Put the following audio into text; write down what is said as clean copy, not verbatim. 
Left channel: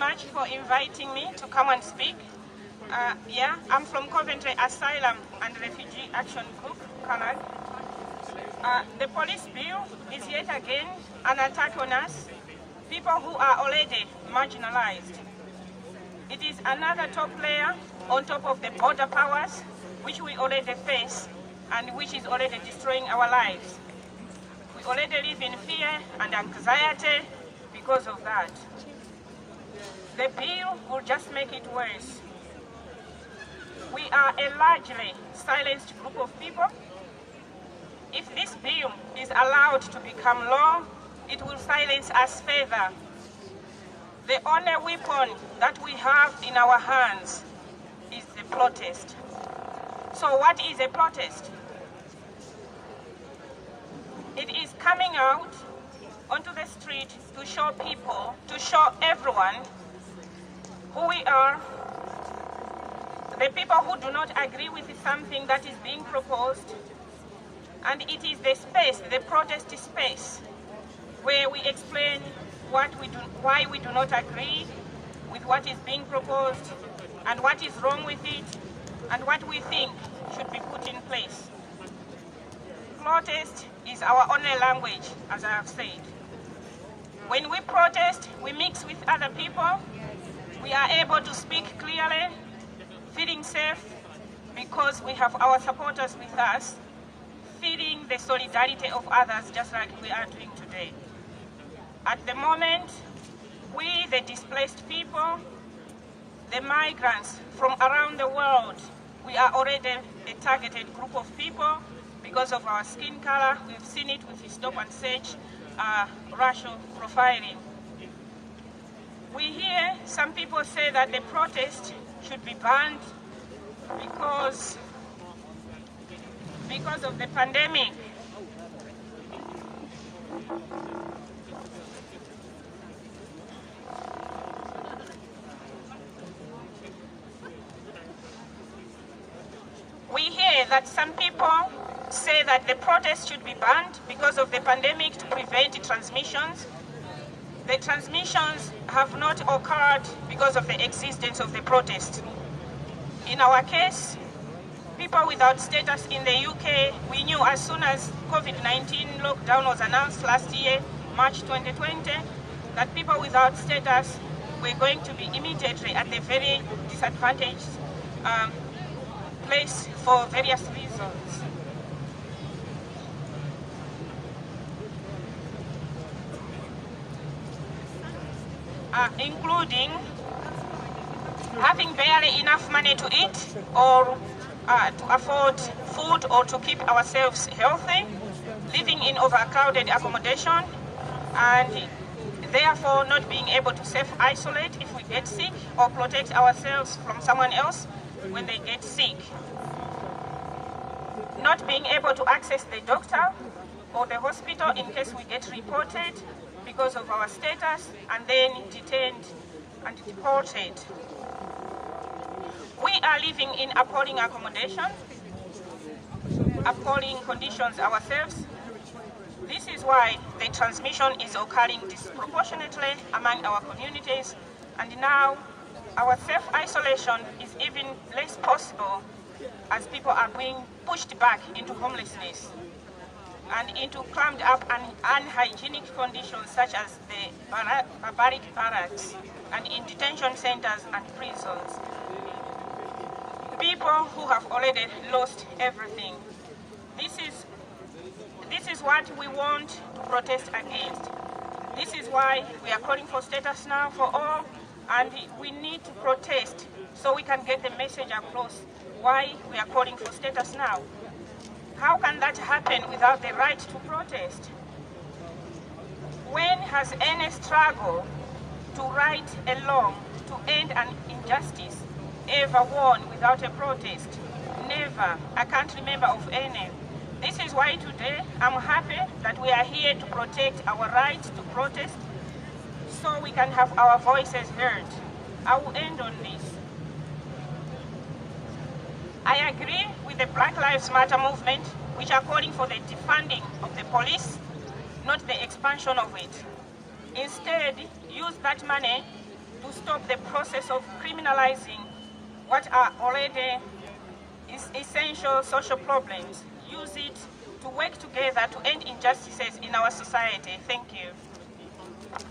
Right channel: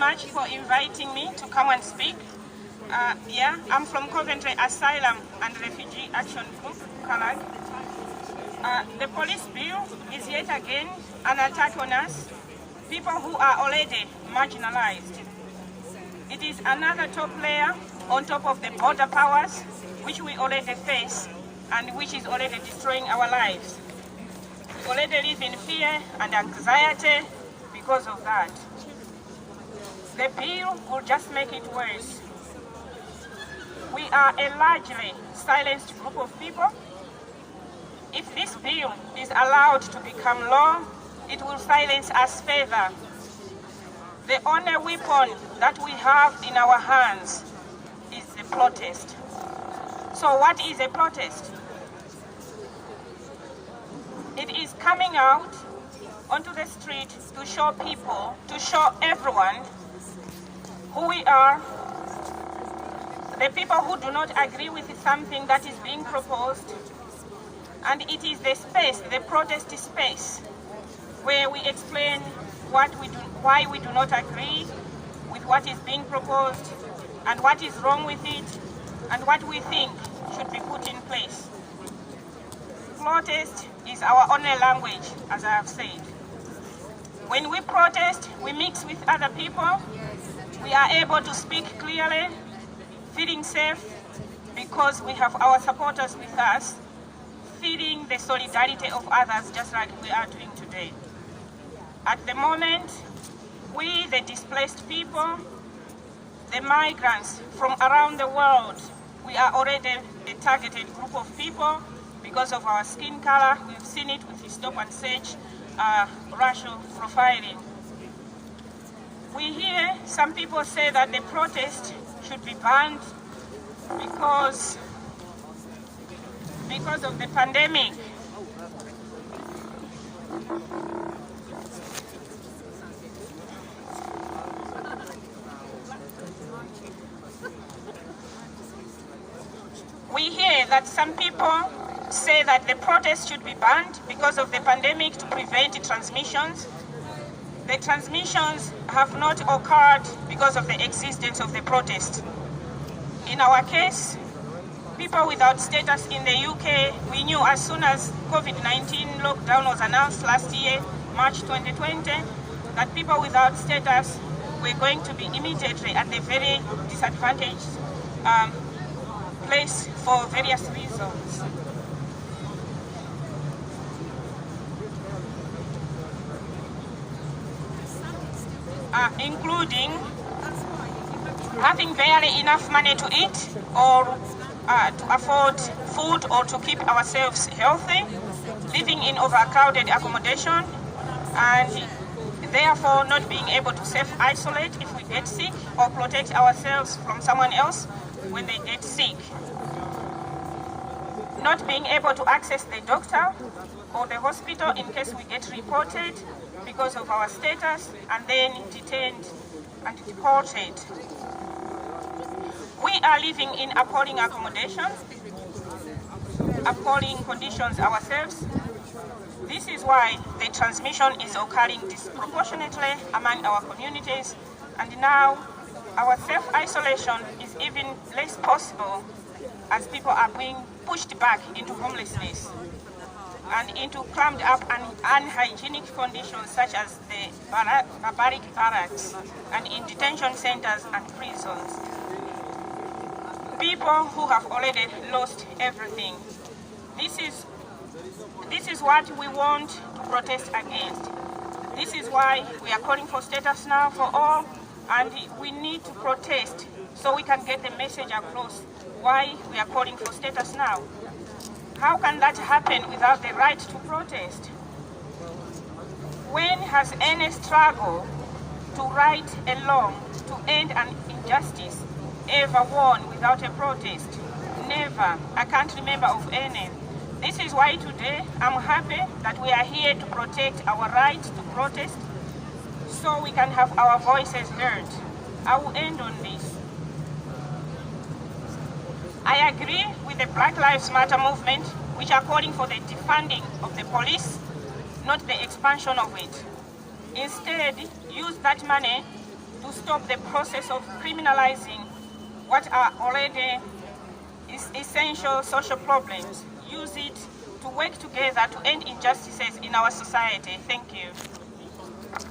much for inviting me to come and speak. I'm from Coventry Asylum and Refugee Action Group, CALAG. The police bill is yet again an attack on us, people who are already marginalized. It is another top layer on top of the border powers which we already face and which is already destroying our lives. We already live in fear and anxiety because of that. The bill will just make it worse. We are a largely silenced group of people. If this bill is allowed to become law, it will silence us further. The only weapon that we have in our hands is the protest. So what is a protest? It is coming out onto the street to show people, to show everyone who we are, the people who do not agree with something that is being proposed, and it is the space, the protest space, where we explain why we do not agree with what is being proposed, and what is wrong with it, and what we think should be put in place. Protest is our only language, as I have said. When we protest, we mix with other people. We are able to speak clearly, feeling safe, because we have our supporters with us, feeling the solidarity of others, just like we are doing today. At the moment, we, the displaced people, the migrants from around the world, we are already a targeted group of people because of our skin color. We've seen it with the stop and search racial profiling. We hear some people say that the protest should be banned because of the pandemic. We hear that some people say that the protest should be banned because of the pandemic to prevent transmissions. The transmissions have not occurred because of the existence of the protest. In our case, people without status in the UK, we knew as soon as COVID-19 lockdown was announced last year, March 2020, that people without status were going to be immediately at the very disadvantaged place for various reasons. Including having barely enough money to eat or to afford food or to keep ourselves healthy, living in overcrowded accommodation, and therefore not being able to self-isolate if we get sick or protect ourselves from someone else when they get sick. Not being able to access the doctor or the hospital in case we get reported because of our status and then detained and deported. We are living in appalling accommodation, appalling conditions ourselves. This is why the transmission is occurring disproportionately among our communities, and now our self-isolation is even less possible as people are being pushed back into homelessness and into crammed up and unhygienic conditions such as the barbaric barracks and in detention centers and prisons. People who have already lost everything. This is what we want to protest against. This is why we are calling for status now for all, and we need to protest so we can get the message across why we are calling for status now. How can that happen without the right to protest? When has any struggle to right a law to end an injustice ever won without a protest? Never. I can't remember of any. This is why today I'm happy that we are here to protect our right to protest so we can have our voices heard. I will end on this. I agree with the Black Lives Matter movement, which are calling for the defunding of the police, not the expansion of it. Instead, use that money to stop the process of criminalizing what are already essential social problems. Use it to work together to end injustices in our society. Thank you.